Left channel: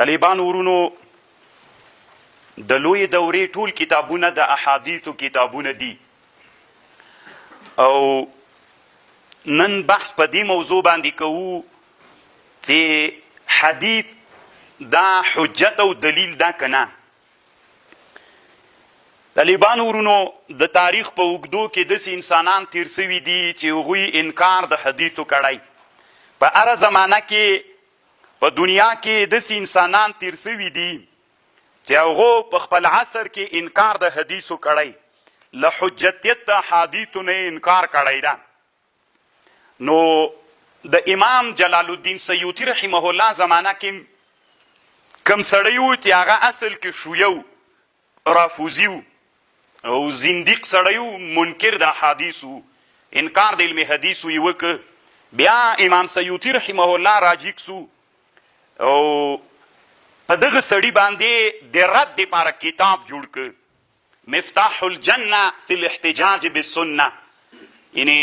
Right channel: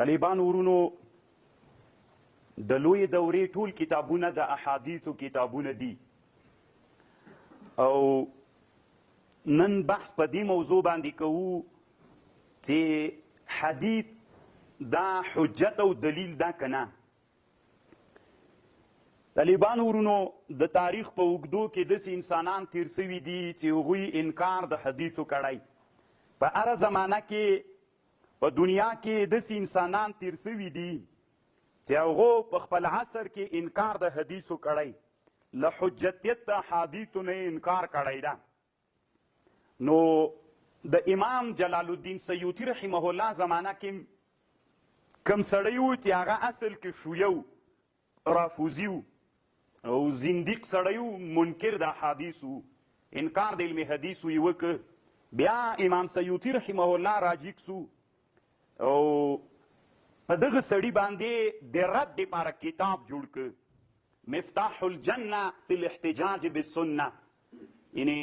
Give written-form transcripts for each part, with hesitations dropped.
طالبانو ورونو د لوی دورې ټول کتابونه د احادیثو کتابونه دي او نن بحث په دې موضوع باندې کوو چې حدیث دا حجت او دلیل دا کنه. طالبانو ورونو د تاریخ په اوږدو کې داسې انسانان تیر سوي دي چې هغوی انکار د حدیثو کړی. په هره زمانه کې په دنیا کې داسې انسانان تیر سوي دي چې هغو په خپل عصر کې انکار د حدیثو کړی، له حجتیت د احادیثو نه انکار کړی ده. نو د امام جلال الدین سیوطي رحمه الله زمانه کې کم سړی و چې هغه اصل کې شیعه رافوزي و او زندیق سړی و، منکر د احادیثو، انکار د علم حدیثو یې وکړ. بیا امام سیوطي رحمه الله راجیګ سو او په دغه سړي باندې د رد دپاره کتاب جوړ کړ، مفتاح الجنه فی الاحتجاج بالسنه. یعنې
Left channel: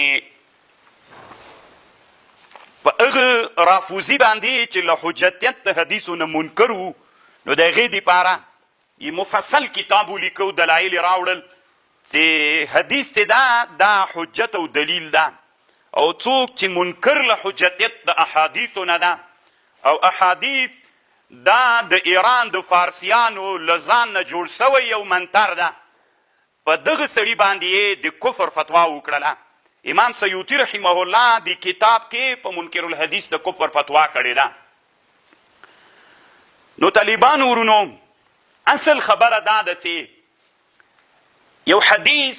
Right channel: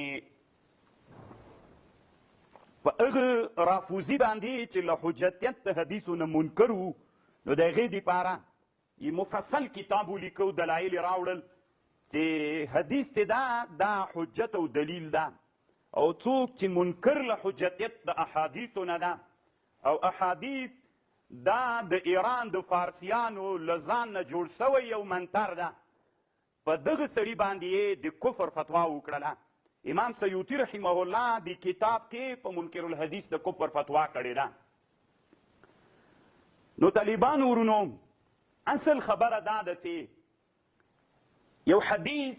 په هغه رافوزي باندې چې له حجتیت د حدیثو نه منکر و، نو د هغې دپاره یې مفصل کتاب ولیکو، دلایل یې راوړل چې حدیث چې دا حجت او دلیل ده، او څوک چې منکر له حجتیت د احادیثو نه ده او احادیث دا د ایران د فارسیانو له ځان نه جوړ سوی یو منتر ده، په دغه سړي باندې یې د کفر فتوا وکړله. امام سیوطي رحمه الله د کتاب کې په منکر الحدیث د کفر فتوا کړې ده. نو طالبانو ورونو اصل خبره دا ده چې یو حدیث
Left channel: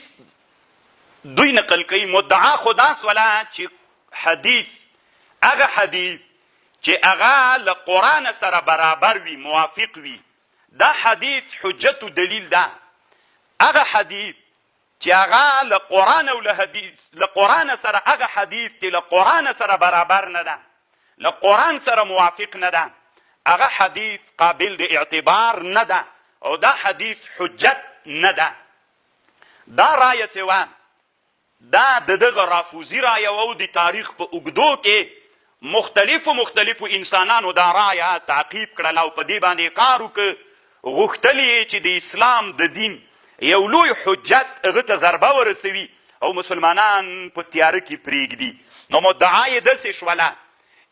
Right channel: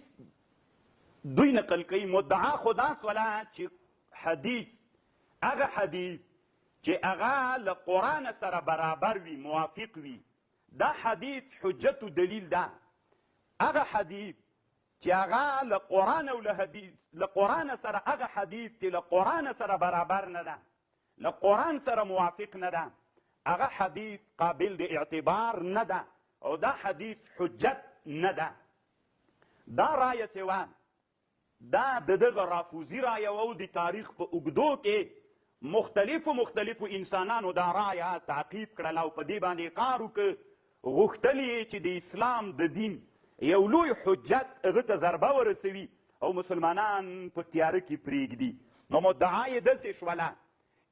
دوی نقل کوي، مدعا خدا سوله چې حدیث هغه حدیث چې هغه له قرآن سره برابر وي، موافق وي، دا حدیث حجت و دلیل ده. هغه حدیث چې هغه له قرآن او له قرآن سره، هغه حدیث چې له قرآن سره برابر نه ده، له قرآن سره موافق نه ده، هغه حدیث قابل د اعتبار نه ده او دا حدیث حجت نه ده. دا رایه چې وه دا د دغه رافوزي رایه او د تاریخ په اوږدو کې مختلفو انسانانو دا رایه تعقیب کړله او په دې باندې کار وکړه، غوښتل یې چې د اسلام د دین یو لوی حجت هغه ته ضربه ورسوي او مسلمانان په تیاره کې پرېږدي. نو مدعا یې داسې شوله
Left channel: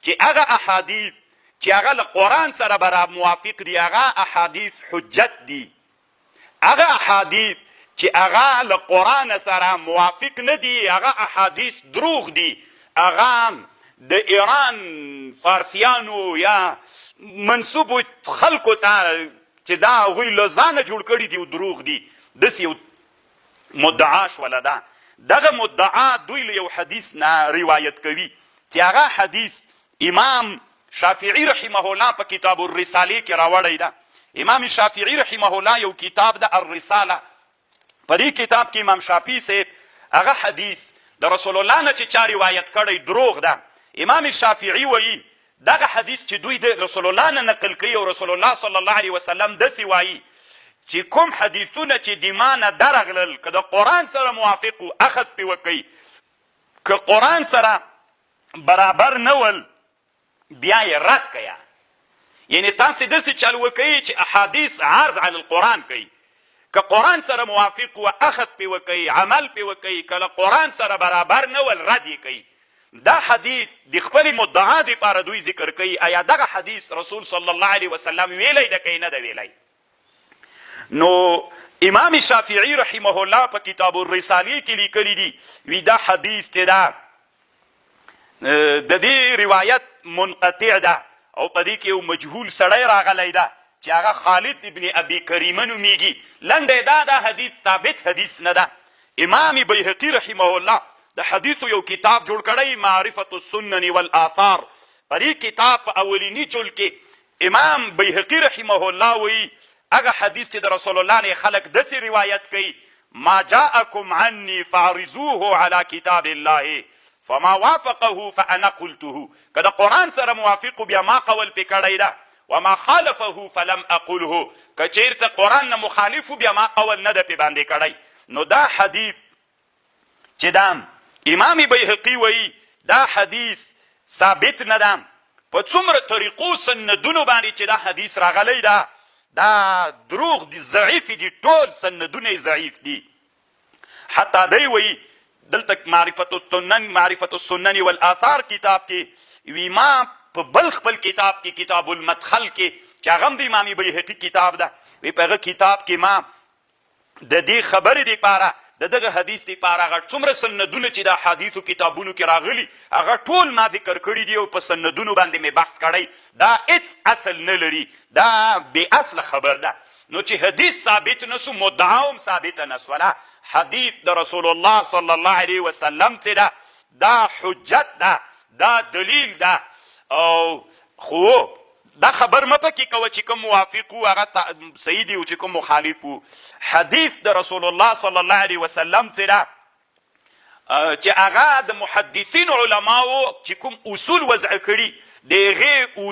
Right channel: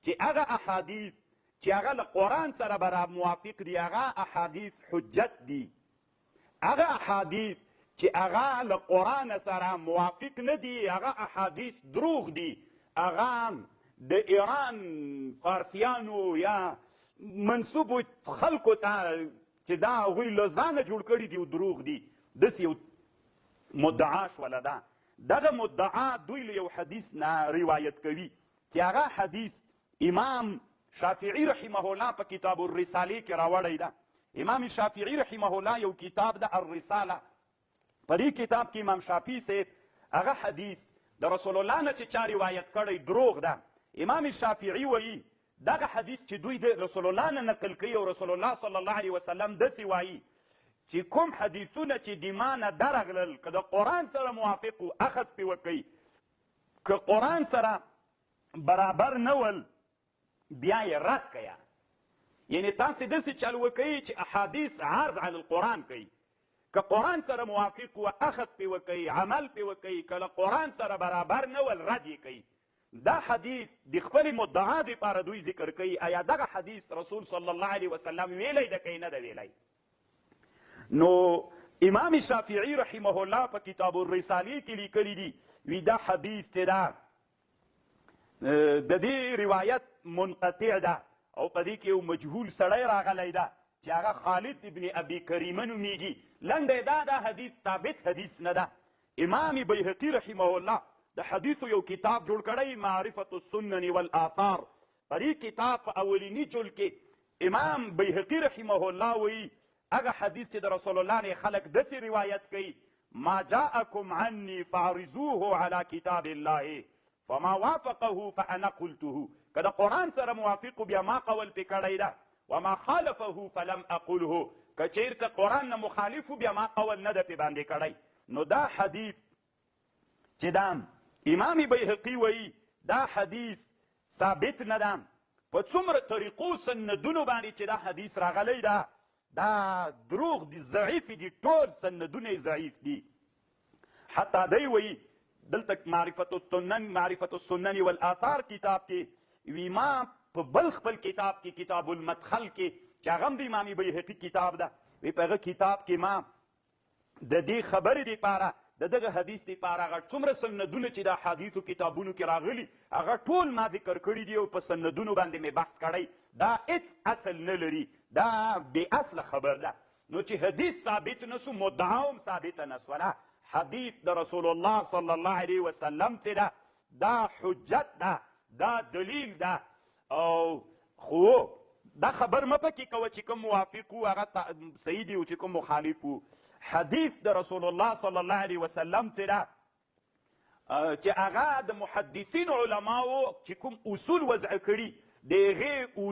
چې هغه احادیث چې هغه له قرآن سره برابر موافق دي، هغه احادیث حجت دي. هغه احادیث چې هغه له قرآن سره موافق نه دي، هغه احادیث دروغ دي، هغه د ایران فارسیانو یا منصوبو خلکو ته چې دا هغوی له ځانه جوړ کړي دي او دروغ دي، داسې یو مدعا شوله ده. دغه مدعا دوی له یو حدیث نه روایت کوي چې هغه حدیث امام شافعي رحمه الله په کتاب الرساله کې راوړی ده. امام شافعي رحمه الله یو کتاب ده الرساله، په دې کتاب کې امام شافعي صاحب هغه حدیث د رسول الله نه چې چا روایت کړی دروغ ده. امام شافعي وایي دغه حدیث چې دوی د رسول الله نه نقل کوي او رسول الله صلی الله علیه وسلم داسې وایي چې کوم حدیثونه چې د ما نه درغلل که د قرآن سره موافق و اخذ پې وکئ، که قرآن سره برابر نه ول بیا یې رد کړه. یعنې تاسې داسې چل وکئ چې احادیث عرض علی القرآن کوي، که قرآن سره موافق و اخذ پې وکئ، عمل پې وکئ، که له قرآن سره برابر نه ول رد یې کوي. دا حدیث د خپلې مدعا دپاره دوی ذکر کوي. آیا دغه حدیث رسول صلی الله علیه وسلم ویلی ده که یې نه ده ویلی؟ نو امام شافعي رحمه الله په کتاب الرساله کې لیکلی دي، وی دا حدیث چې ده د دې روایت منقطع ده او په دې کې یو مجهول سړی راغلی ده چې هغه خالد ابن ابي کریمه نومیږي. لنډه دا حدیث ثابت حدیث نه ده. امام بیهقي رحمه الله د حدیثو یو کتاب جوړ کړی، معرفت السنن والآثار. په دې کتاب په اولیني جلد کې امام بیهقي رحمه الله وایي هغه حدیث چې د رسول الله نه خلک داسې روایت کوي، ما جاءکم عني فعرضوه على کتاب الله فما وافقه فانا قلته. که د قرآن سره موافق بیا ما قول پې کړی ده، وما خالفه فلم اقله، که چیرته قرآن نه مخالف بیا ما قول نه ده پې باندې کړی. نو دا حدیث چې دا امام بیهقي وایي دا حدیث ثابت نه ده، په څومره طریقو سندونو باندې چې دا حدیث راغلی دا دروغ دي، ضعیف دي، ټول سندونه ضعیف دي. حتی دی وایي دلته معرفت السنن والآثار کتاب کې وی ما په بل خپل کتاب کې کتاب المدخل کې چې هغه هم د امام بیهقي کتاب ده، وی په هغه کتاب کې ما د دې خبرې دپاره د دغه حدیث دپاره هغه څومره سندونه چې د احادیثو کتابونو کې راغلي هغه ټول ما ذکر کړي دي او په سندونو باندې مې بحث کړی. دا هېڅ اصل نه لري، دا بې اصله خبر ده. نو چې حدیث ثابت نه سو، مدعا هم ثابته نه سوله. حدیث د رسول الله صلی الله علیه وسلم چې ده دا حجت ده، دا دلیل ده. او خو دا خبر مه پکې کوه چې کوم موافق وو هغه صحیح دي او چې کوم مخالف وو. حدیث د رسول الله صلی الله علیه وسلم چې ده چې هغه د محدثین علماو چې کوم اصول وضع کړي د هغې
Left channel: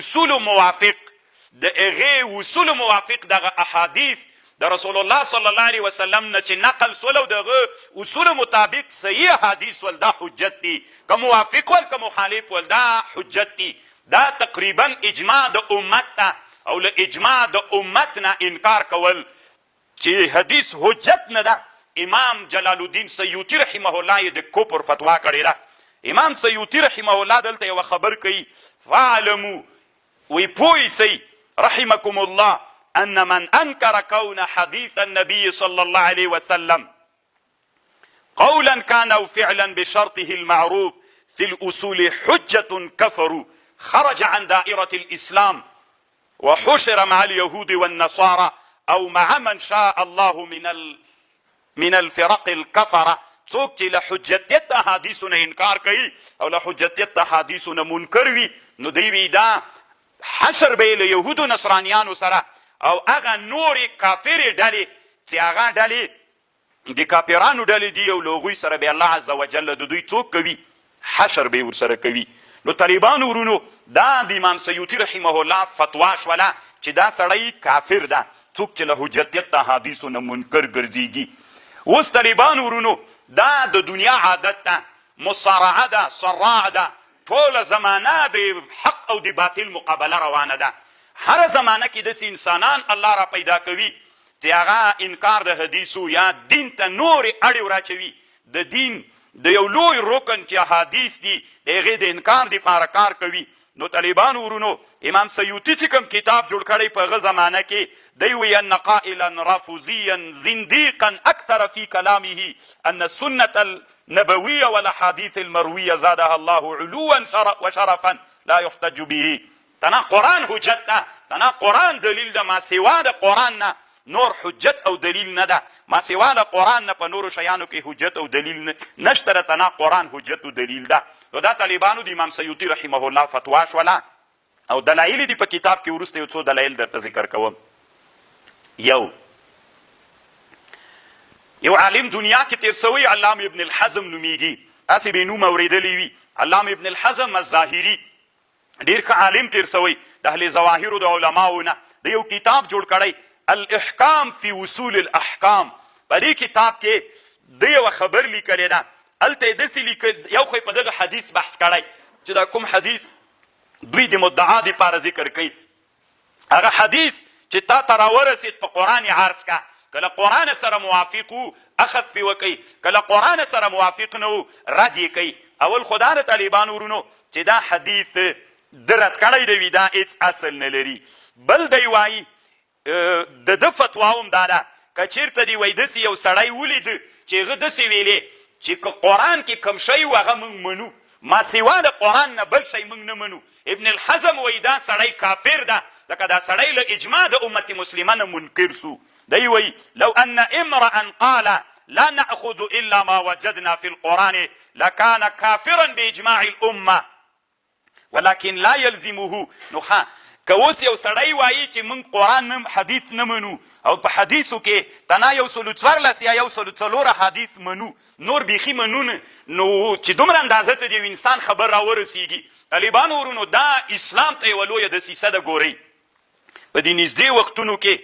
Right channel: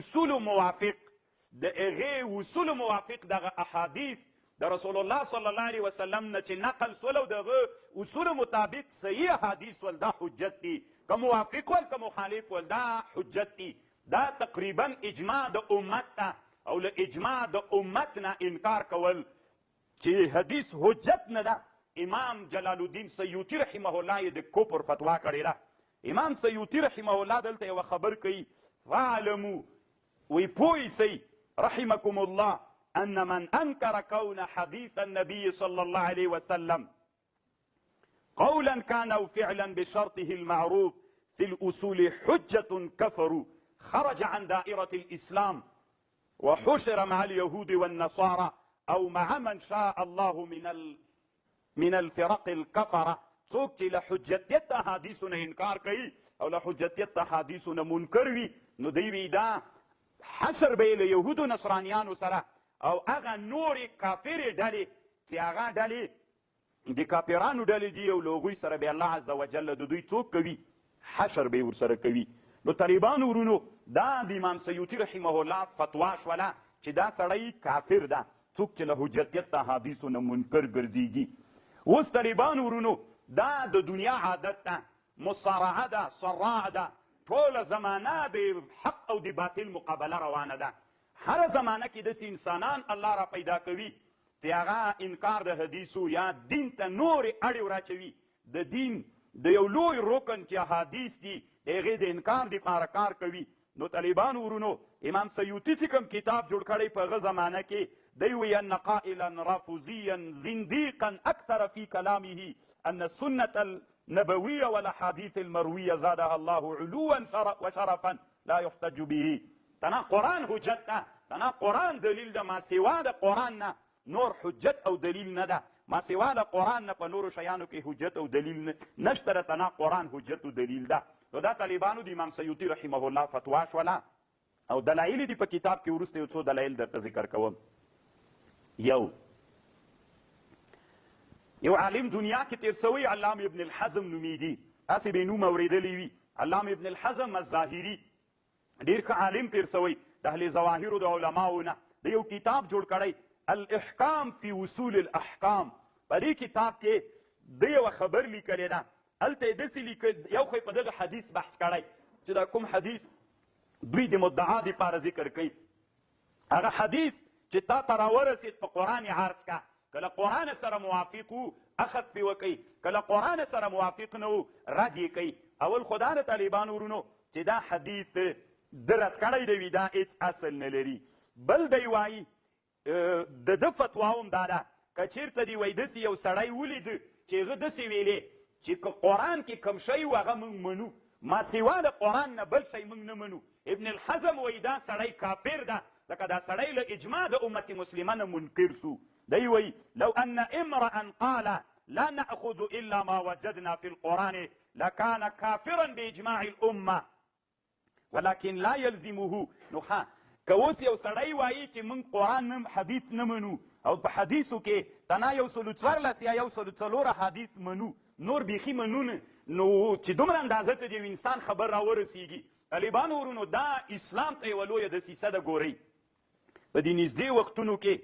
اصولو موافق دغه احادیث د رسول الله صلی الله علیه وسلم نه چې نقل سول او دغه اصولو مطابق صحیح حدیث ول دا حجت دي، که موافق ول که مخالف ول دا حجت دي. دا تقریبا اجماع د امت ته او له اجماع د امت نه انکار کول چې حدیث حجت نه ده. امام جلال الدین سیوطي رحمه الله یې د کفر فتوا کړې ده. امام سیوطي رحمه الله دلته یوه خبر کوي، فاعلموا وی پوه سئ رحمکم الله ان من انکر کون حدیث النبي صلی الله علیه وسلم قولا كان او فعلا بشرطه المعروف في الاصول حجة كفروا خرج عن دائرة الإسلام وحشر مع اليهود والنصارى أو مع من شاء الله من الفرق الكفرة. څوک چې له حجتیت احادیثو نه انکار کوي او له حجتیت احادیثو نه منکر وي نو دوی وي دا حشر به یې له یهودو نصرانیانو سره او هغه نورې کافرې ډلې چې هغه ډلې د کافرانو ډلې دي او له هغوی سره به الله عز وجل د دوی څوک کوي، حشر به یې ورسره کوي. نو طالبانو ورونو دا د امام سیوطي رحمه الله فتوا شوله چې دا سړی کافر ده څوک چې له حجتیت احادیثو نه منکر ګرځېږي. اوس طالبانو ورونو دا د دنیا عادت ده، مصارعه ده، صراع ده، ټوله زمانه د حق او د باطل مقابله روانه ده. هره زمانه کې داسې انسانان الله را پیدا کوي چې هغه انکار د حدیثو یا دین ته نورې اړې وراچوي. د دین د یو لوی رکن چې احادیث دي د هغې د انکار دپاره کار کوي. نو طالبانو ورونو امام سیوطي چې کوم کتاب جوړ کړی په هغه زمانه کې دی وی ان قائلا رافضیا زنديقا اکثر فی کلامه ان السنة النبویة والاحادیث المرویة زادها الله علوا وشرفا لا يحتج به. تنا قرآن حجت ده، تنا قرآن دلیل ده، ما سوا د قرآن نه نور حجت او دلیل نه ده. ما سوا د قرآن نه په نورو شیانو کې حجت او دلیل نشته ده، تنا قرآن حجت او دلیل ده. نو دا طالبانو د امام سیوطي رحمه الله فتوا شوله او دلایل دي په کتاب کې وروسته یو څو دلایل درته ذکر کوم. یو عالم دنیا کې تیر سوی علامه ابن الحزم نومیږي، هسې به یې نوم اورېدلی وي. علامه ابن الحزم الظاهري ډېر ښه عالم تیر سوی د اهل ظواهرو د علماو نه. د یو کتاب جوړ کړی الاحکام فی اصول الاحکام. په دې کتاب کې د یوه خبر لیکلې ده، هلته یې داسې یو خو یې په دغه حدیث بحث کړی چې دا کوم حدیث دوی د مدعا دپاره ذکر کوي. هغه حدیث چې تا ته راورسېد په قرآن یې عرض که، که له قرآن سره موافق وو اخذ پې وکئ، که له قرآن سره موافق نه وو رد یې کوي. اول خو دا د طالبانو ورونو چې دا حدیث د رد کړی دی وي دا هېڅ اصل نه لري. بل دی وایي د ده فتوا هم دا ده که چېرته دی وایي داسې یو سړی ولیده چې هغه داسې ویلې چې که قرآن کې کوم شی و هغه موږ منو، ما سوا د قرآن نه بل شی موږ نه منو. ابن الحزم وایي دا سړی کافر ده ځکه دا سړی له اجماع د امت مسلمه نه منکر سو. دی وایي لو ان امرأ قال لا نأخذ الا ما وجدنا في القرآن لكان كافرا باجماع الامه ولكن لا يلزمه. نو ښه که اوس یو سړی وایي چې موږ قرآن حدیث نه منو او په حدیثو کې تنا 114 یا 104 حدیث منو، نور بیخي منو نه، نو چې دومره اندازه ته د یو انسان خبر راورسېږي. طالبانو ورونو دا اسلام ته یوه لویه دسیسه ده. ګورئ په دې نږدې وختونو کې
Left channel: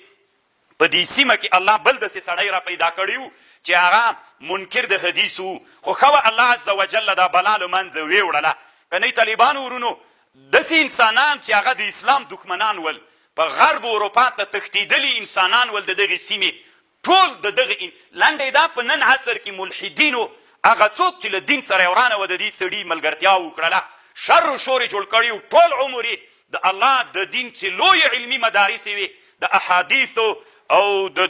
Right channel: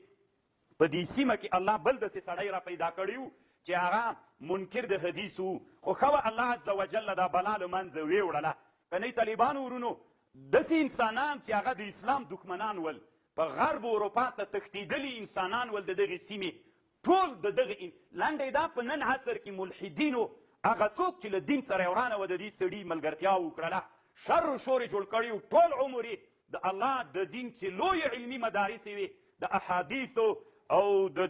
په دې سیمه کې الله بل داسې سړی را پیدا کړی و چې هغه منکر د حدیث و، خو ښه وه الله عز وجل دا بلا له منځه ویوړله. که نه طالبانو ورونو داسې انسانان چې هغه د اسلام دښمنان ول، په غرب اروپا ته تښتېدلي انسانان ول د دغې سیمې، ټول د دغه لنډې دا په نن عصر کې ملحدینو هغه څوک چې له دین سره یې ورانه وه د دې سړي ملګرتیا وکړله، شر و شور یې جوړ کړي و، ټول عمر یې د الله د دین چې لویې علمي مدارس یې وې، د احادیثو او د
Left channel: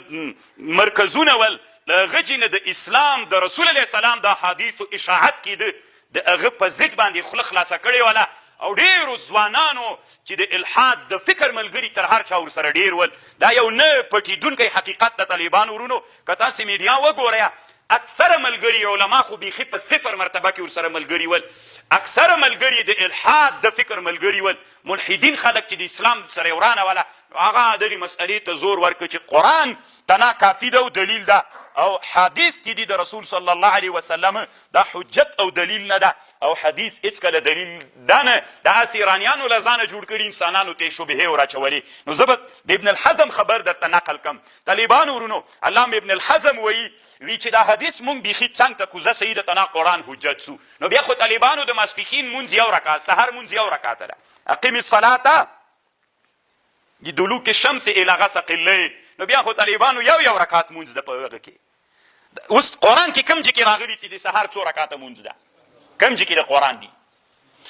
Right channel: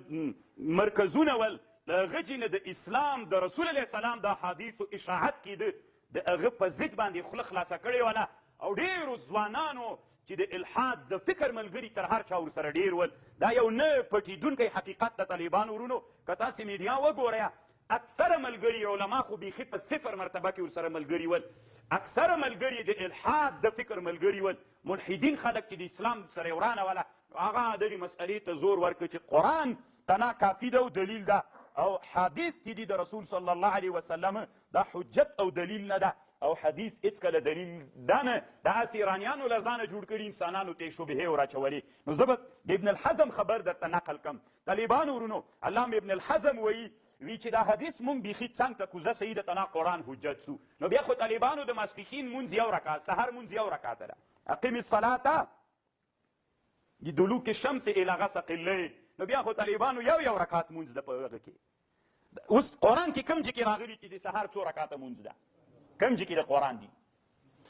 مرکزونه ول، له هغه چې نه د اسلام د رسول علیه السلام د احادیثو اشاعت کېده، د هغه په ضد باندې خوله خلاصه کړې وله، او ډېرو ځوانانو چې د الحاد د فکر ملګري تر هر چا ورسره ډېر ول. دا یو نه پټېدونکی حقیقت د طالبانو ورونو. که تاسې میډیا وګورئ، اکثره ملګري علما خو بیخي په صفر مرتبه کې ورسره ملګري ول، اکثره ملګري د الحاد د فکر ملګري ول، ملحدین خلک چې د اسلام سره یې ورانه وله، هغه دغې مسئلې ته زور ورکړه چې قرآن تنا کافي ده او دلیل ده، او حدیث چې دي د رسول صلی الله علیه وسلم دا حجت او دلیل نه ده، او حدیث هېڅکله دلیل ده نه، دا هسې ایرانیانو له ځانه جوړ کړي انسانانو ته یې شبهې وراچولې. نو زه به د ابن الحزم خبر درته نقل کم. طالبانو ورونو، علامه ابن الحزم وایي چې دا حدیث مونږ بیخي څنګ ته کوزه صحیح ده تنا قرآن حجت سو. نو بیا خو طالبانو د ماسپښین مونځ یو رکعت، سحر مونځ یو رکعته ده، اقیم الصلاة دلوک الشمس الی غسق الليل. نو بیا خو طالبانو یو رکعت مونځ ده په هغه کې. اوس قرآن کې کوم ځای کې راغلي چې د سحر څو رکعته مونځ ده؟ کوم ځای کې د قرآن دي؟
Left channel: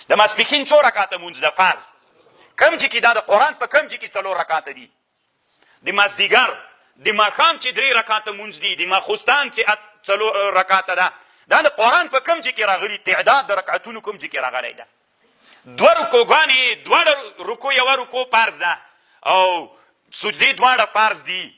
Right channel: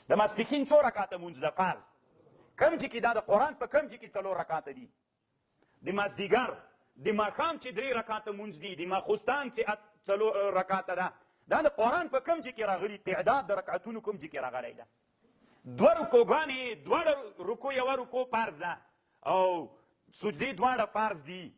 د ماسپښین څو رکعته مونځ ده فرض؟ کوم ځای کې دا د قرآن په کوم ځای کې 4 رکعته دي؟ د مازدیګر د ماښام چې 3 رکعته مونځ دي، د ماخوستان چې 4 رکعته ده، دا د قرآن په کوم ځای کې راغلي؟ تعداد د رکعتونو کوم ځای کې راغلی ده؟ 2 رکوګانې، دواړه رکو یوه رکو فرض ده او سجدې دواړه فرض دي.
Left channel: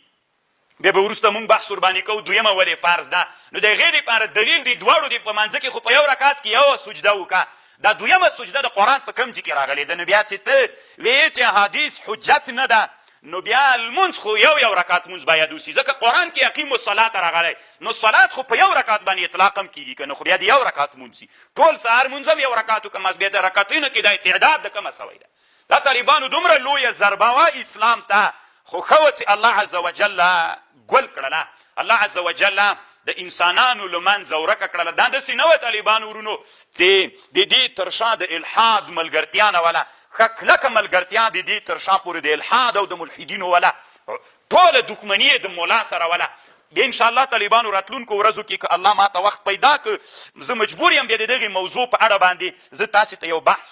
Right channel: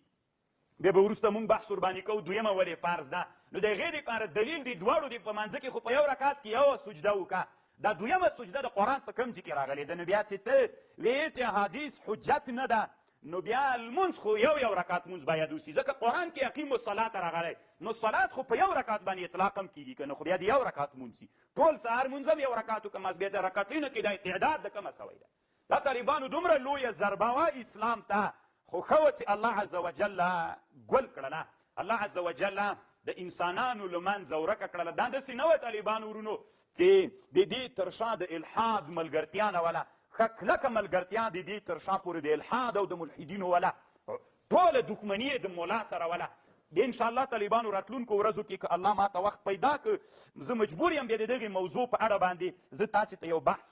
بیا به وروسته مونږ بحث ورباندې کوو دویمه ولې فرض ده. نو د هغې دپاره دلیل دی دواړو دی په منځه کې خو په یو رکعت کې یوه سجده وکړه. دا دویمه سجده د قرآن په کوم ځای کې راغلې ده؟ نو بیا چې ته ویې چې حدیث حجت نه ده، نو بیا لمونځ خو یو رکعت مونځ باید وسي، ځکه قرآن کې اقیموا الصلاة راغلی، نو صلات خو په یو رکعت باندې اطلاق هم کېږي که نه، خو بیا د یو رکعت مونځ سي. ټول سهار مونځ هم یو رکعت وکړه، بیا د رکعتونو کې دا تعداد د کومه سوی ده؟ دا طالبانو دومره لویه ضربه وه اسلام ته، خو ښه وه چې الله عز وجل ګل کړله، الله عز وجل د انسانانو له منځه ورکه کړله. دا داسې نه وه طالبانو ورونو چې د دې تر شا د الحاد ملګرتیا نه وله، ښه کلکه ملګرتیا د دې تر شا پورې د الحاد او د ملحدینو وله، ټوله دښمني یې د مولا سره وله. بیا انشاءالله طالبانو راتلونکو ورځو کې که الله ما ته وخت پیدا که، زه مجبور یم بیا د دغې موضوع په اړه باندې زه تاسې ته یو بحث